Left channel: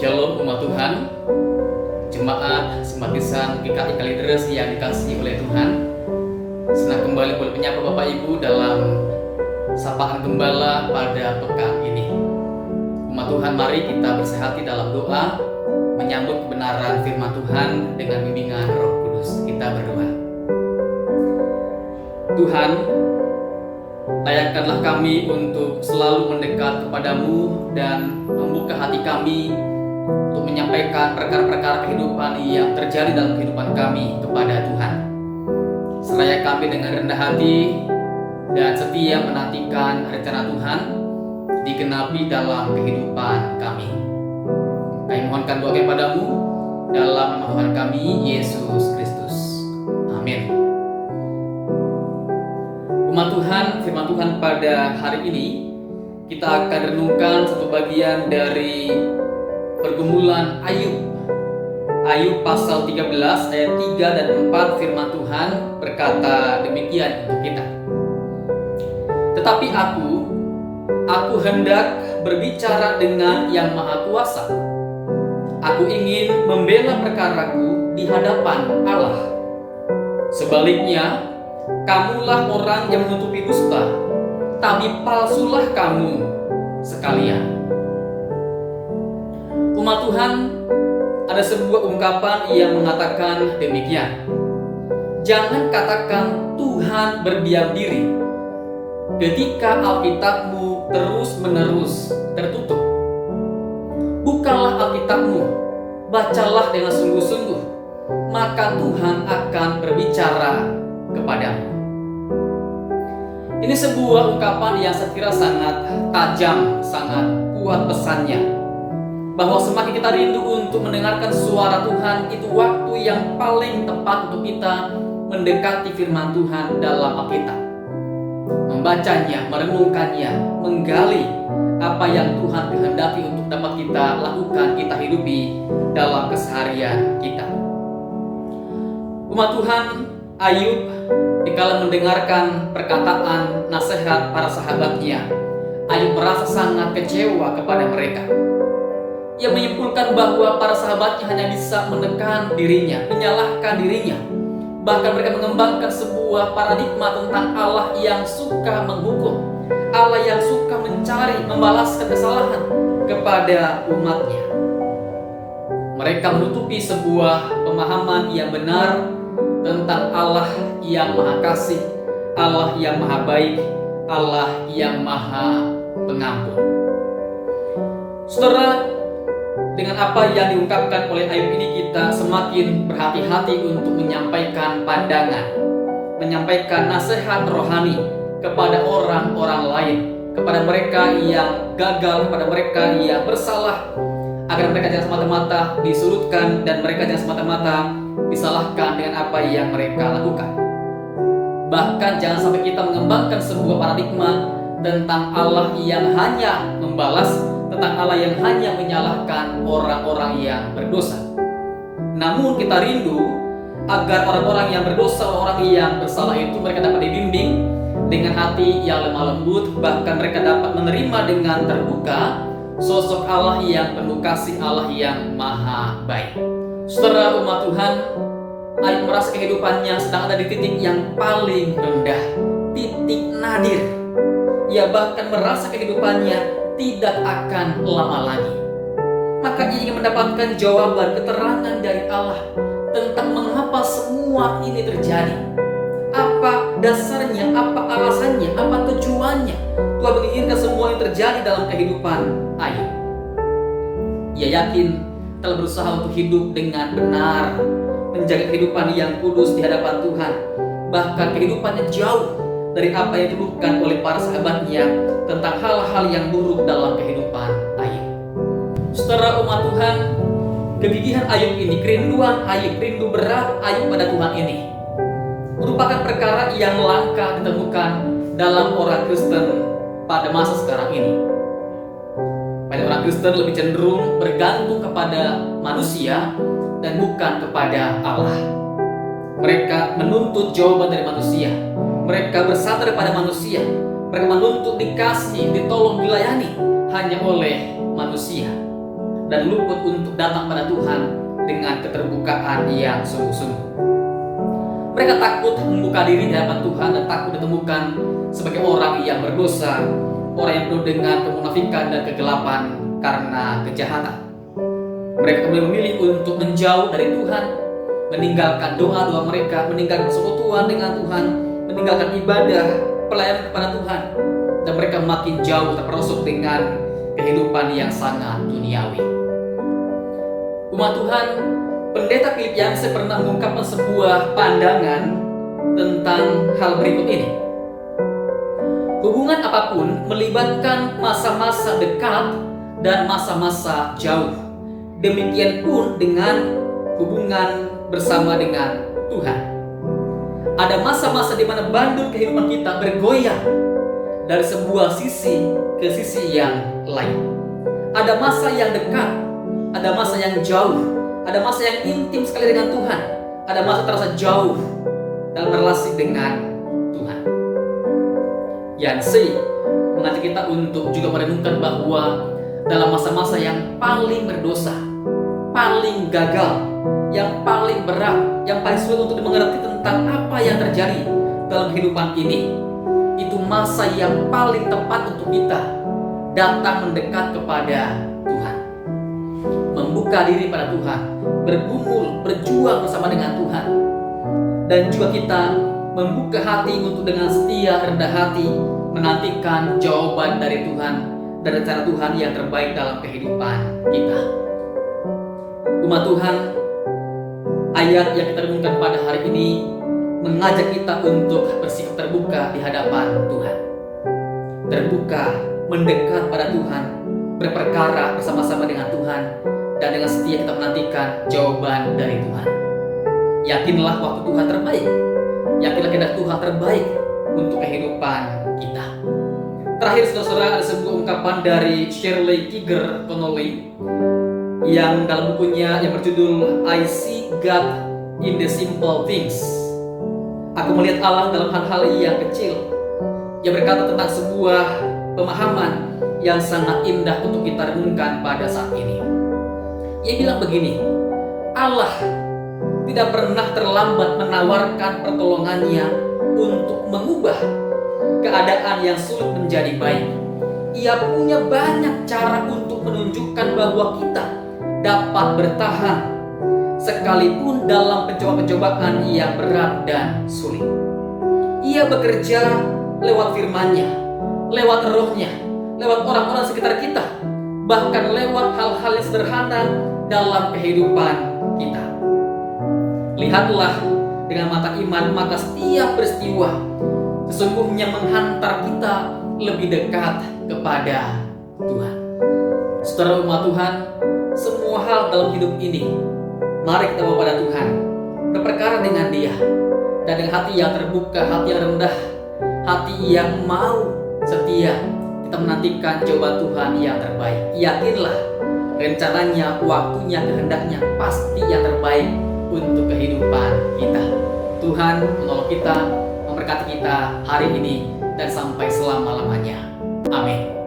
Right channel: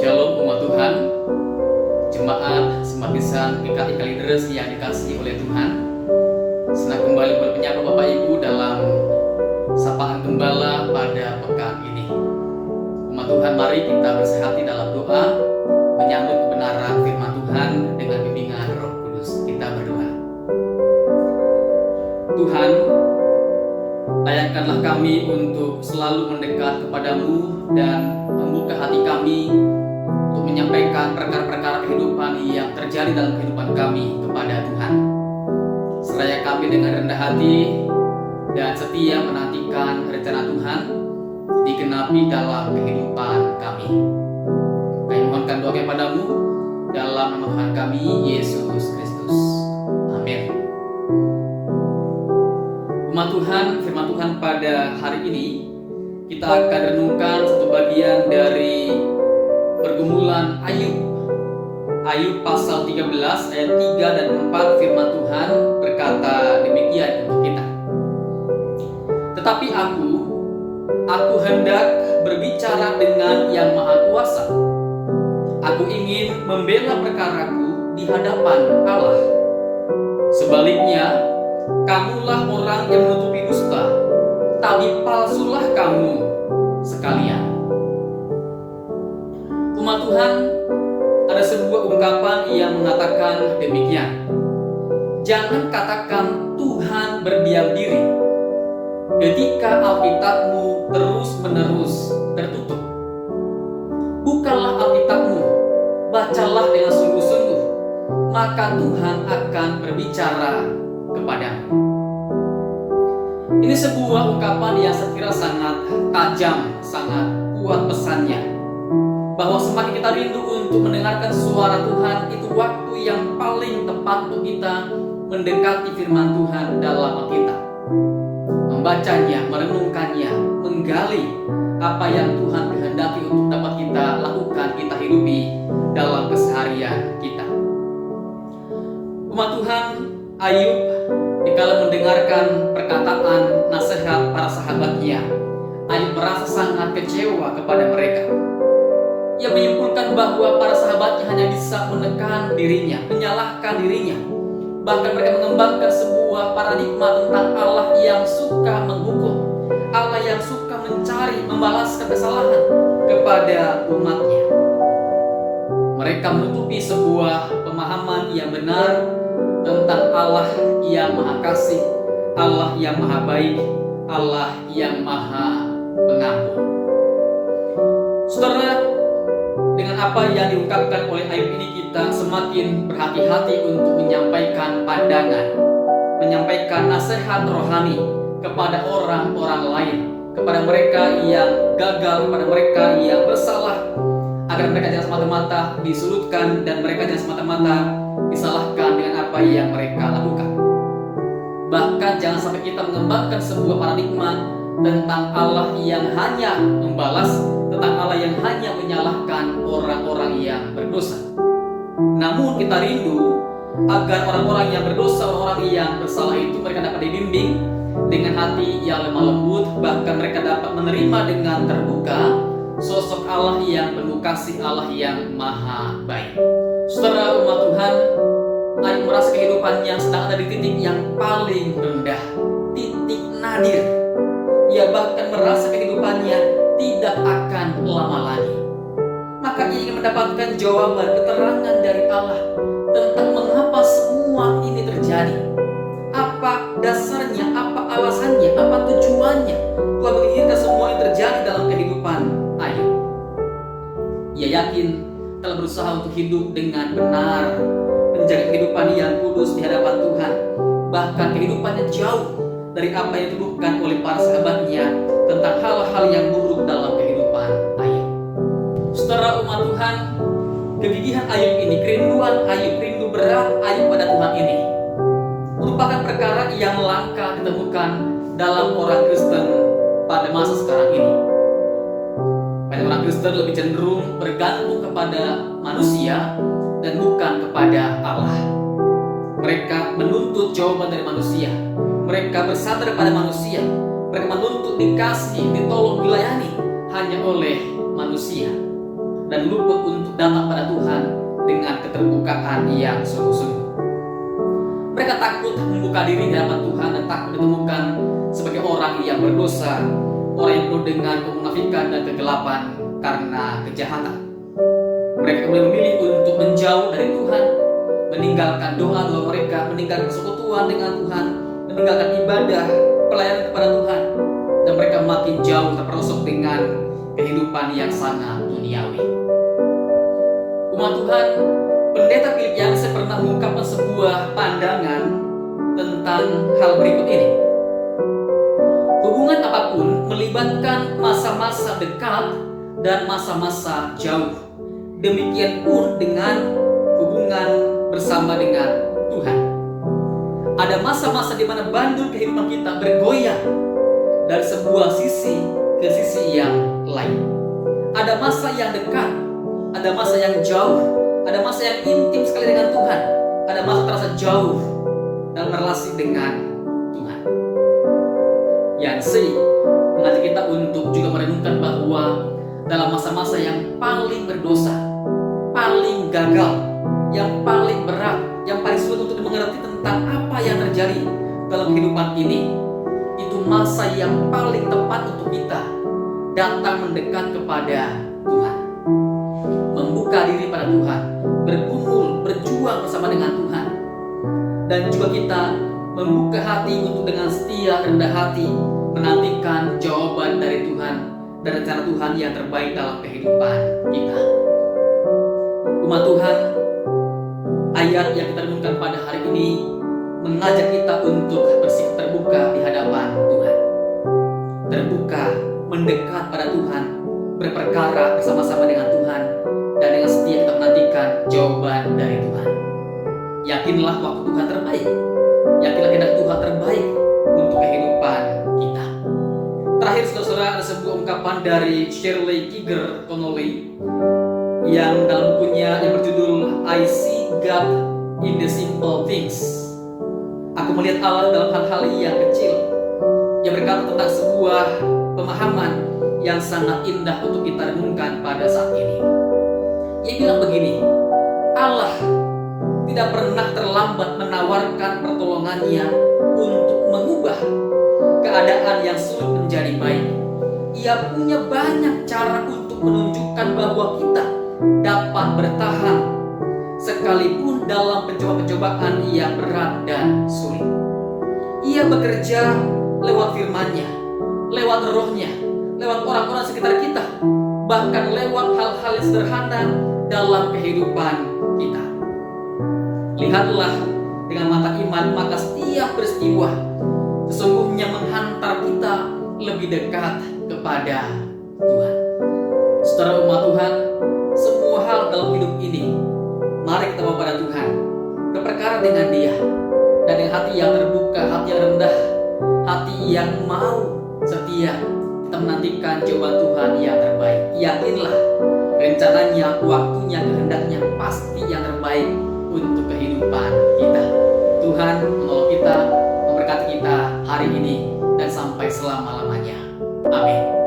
Shalom umat Tuhan, jemaat simpatisan GKI Kalideres yang dikasihi oleh Tuhan. Senang kembali boleh menyapa Bapak Ibu dalam sapaan gembala pada pekan ini. Umat Tuhan, mari kita bersehati dalam doa menyambut kebenaran firman Tuhan dengan bimbingan Roh Kudus. Kita berdoa. Tuhan, layakkanlah kami untuk selalu mendekat kepadamu dan membuka hati kami untuk menyampaikan perkara-perkara kehidupan yang terjadi dalam kehidupan kami kepada Tuhan. Seraya kami dengan rendah hati dan setia menantikan rencana Tuhan digenapi dalam kehidupan kami. Kami mohonkan doa kepadamu dalam nama Tuhan kami, Yesus Kristus. Amin. Umat Tuhan, firman Tuhan pada hari ini kita akan renungkan satu bagian dari pergumulan Ayub. Ayub pasal 13 ayat 3 dan 4 firman Tuhan berkata demikian untuk kita. Tetapi aku hendak berbicara dengan Yang Maha Kuasa. Aku ingin membela perkaraku di hadapan Allah. Sebaliknya, kamulah orang yang menutupi dusta, tapi palsulah kamu sekalian. Umat Tuhan, ada sebuah ungkapan yang mengatakan demikian. Jangan katakan Tuhan berdiam diri ketika Alkitabmu terus-menerus tertutup. Bukalah Alkitabmu, bacalah dengan sungguh-sungguh, maka Tuhan akan berbicara kepadamu. Ini sebuah ungkapan yang saya kira sangat tajam, sangat kuat pesannya. Bahwa semakin kita rindu untuk mendengarkan suara Tuhan, itu waktu yang paling tepat untuk kita mendekati firman Tuhan dalam Alkitab. Membacanya, merenungkannya, menggali apa yang Tuhan kehendaki untuk dapat kita lakukan, kita hidupi dalam keseharian kita. Umat Tuhan, Ayub dikala mendengarkan perkataan nasihat para sahabatnya, Ayub merasa sangat kecewa kepada mereka. Ia menyimpulkan bahwa para sahabatnya hanya bisa menekan dirinya, menyalahkan dirinya. Bahkan mereka mengembangkan sebuah paradigma tentang Allah yang suka menghukum, Allah yang suka mencari, membalaskan kesalahan kepada umatnya. Mereka menutupi sebuah pemahaman yang benar tentang Allah yang Maha Kasih, Allah yang Maha Baik, Allah yang Maha Pengampun. Saudara, dengan apa yang diungkapkan oleh Ayub ini kita semakin berhati-hati untuk menyampaikan pandangan, menyampaikan nasihat rohani kepada orang-orang lain, kepada mereka yang gagal, kepada mereka yang bersalah, agar mereka jangan semata-mata disurutkan dan mereka jangan semata-mata disalahkan dengan apa yang mereka lakukan. Bahkan jangan sampai kita mengembangkan sebuah paradigma tentang Allah yang hanya membalas, tentang Allah yang hanya menyalahkan orang-orang yang berdosa. Namun kita rindu agar orang-orang yang berdosa, orang-orang yang bersalah itu mereka dapat dibimbing dengan hati yang lemah lembut, bahkan mereka dapat menerima dengan terbuka sosok Allah yang penuh kasih, Allah yang Maha Baik. Saudara umat Tuhan, Ayub merasa kehidupannya sedang ada di titik yang paling rendah, titik nadir. Ia bahkan merasa kehidupannya tidak akan lama lagi. Maka ia ingin mendapatkan jawaban, keterangan dari Allah tentang mengapa semua ini terjadi. Apa dasarnya, apa alasannya, apa tujuannya Tuhan menginginkan semua yang terjadi dalam kehidupan Ayub. Ia yakin telah berusaha untuk hidup dengan benar, menjaga kehidupan yang kudus di hadapan Tuhan. Bahkan kehidupannya jauh dari apa yang dituduhkan oleh para sahabatnya tentang hal-hal yang buruk dalam kehidupan Ayub. Saudara umat Tuhan, kegigihan Ayub ini, kerinduan Ayub, rindu berat Ayub pada Tuhan ini merupakan perkara yang langka ditemukan dalam orang Kristen pada masa sekarang ini. Banyak orang Kristen lebih cenderung bergantung kepada manusia dan bukan kepada Allah. Mereka menuntut jawaban dari manusia. Mereka bersandar pada manusia. Mereka menuntut dikasih, ditolong, dilayani hanya oleh manusia. dan luput untuk datang pada Tuhan dengan keterbukaan yang sungguh-sungguh. Mereka takut membuka diri di hadapan Tuhan dan takut ditemukan sebagai orang yang berdosa, orang yang penuh dengan kemunafikan dan kegelapan karena kejahatan. Mereka kemudian memilih untuk menjauh dari Tuhan, meninggalkan doa-doa mereka, meninggalkan persekutuan dengan Tuhan, meninggalkan ibadah, pelayanan kepada Tuhan, dan mereka makin jauh terperosok dengan kehidupan yang sangat duniawi. Umat Tuhan, Pendeta Philip Yancey pernah mengungkapkan sebuah pandangan tentang hal berikut ini. Hubungan apapun melibatkan masa-masa dekat dan masa-masa jauh. Demikian pun dengan hubungan bersama dengan Tuhan. Ada masa-masa di mana bandul kehidupan kita bergoyang dari sebuah sisi ke sisi yang lain. Ada masa yang dekat, ada masa yang jauh, ada masa yang intim sekali dengan Tuhan, ada masa terasa jauh dalam relasi dengan Tuhan. Yancey mengajak kita untuk juga merenungkan bahwa dalam masa-masa yang paling berdosa, paling gagal, yang paling berat, yang paling sulit untuk dimengerti tentang apa yang terjadi dalam kehidupan ini, itu masa yang paling tepat untuk kita datang mendekat kepada Tuhan, membuka diri pada Tuhan, bergumul, berjuang bersama dengan Tuhan, dan juga kita membuka hati untuk dengan setia, rendah hati menantikan jawaban dari Tuhan dan rencana Tuhan yang terbaik dalam kehidupan kita. Umat Tuhan, ayat yang kita renungkan pada hari ini mengajak kita untuk bersikap terbuka di hadapan Tuhan. Terbuka, mendekat pada Tuhan, berperkara bersama-sama dengan Tuhan, dan dengan setia kita menantikan jawaban dari Tuhan. Yakinlah waktu Tuhan terbaik. Yakinlah kehendak Tuhan terbaik untuk kehidupan kita. Terakhir, saudara-saudara, ada sebuah ungkapan dari Shirley Kiger Connolly yang dalam bukunya yang berjudul I See God in the Simple Things. Aku melihat Allah dalam hal-hal yang kecil. Ia berkata tentang sebuah pemahaman yang sangat indah untuk kita renungkan pada saat ini. Ia bilang begini, Allah tidak pernah terlambat menawarkan pertolongannya untuk mengubah keadaan yang sulit menjadi baik. Ia punya banyak cara untuk menunjukkan bahwa kita dapat bertahan sekalipun dalam pencobaan-pencobaan yang berat dan sulit. Ia bekerja lewat firman-Nya, lewat roh-Nya, lewat orang-orang sekitar kita, bahkan lewat hal-hal yang sederhana dalam kehidupan kita. Lihatlah dengan mata iman, maka setiap peristiwa sesungguhnya menghantar kita lebih dekat kepada Tuhan. Saudara umat Tuhan, semua hal dalam hidup ini mari kita bawa pada Tuhan, berperkara dengan Dia, dan dengan hati yang terbuka, hati yang rendah, hati yang mau setia, kita menantikan jawaban Tuhan yang terbaik. Yakinlah rencananya, waktunya, kehendaknya pasti yang terbaik untuk kehidupan kita. Tuhan menolong kita, memberkati kita hari ini dan sampai selama-lamanya. Amin.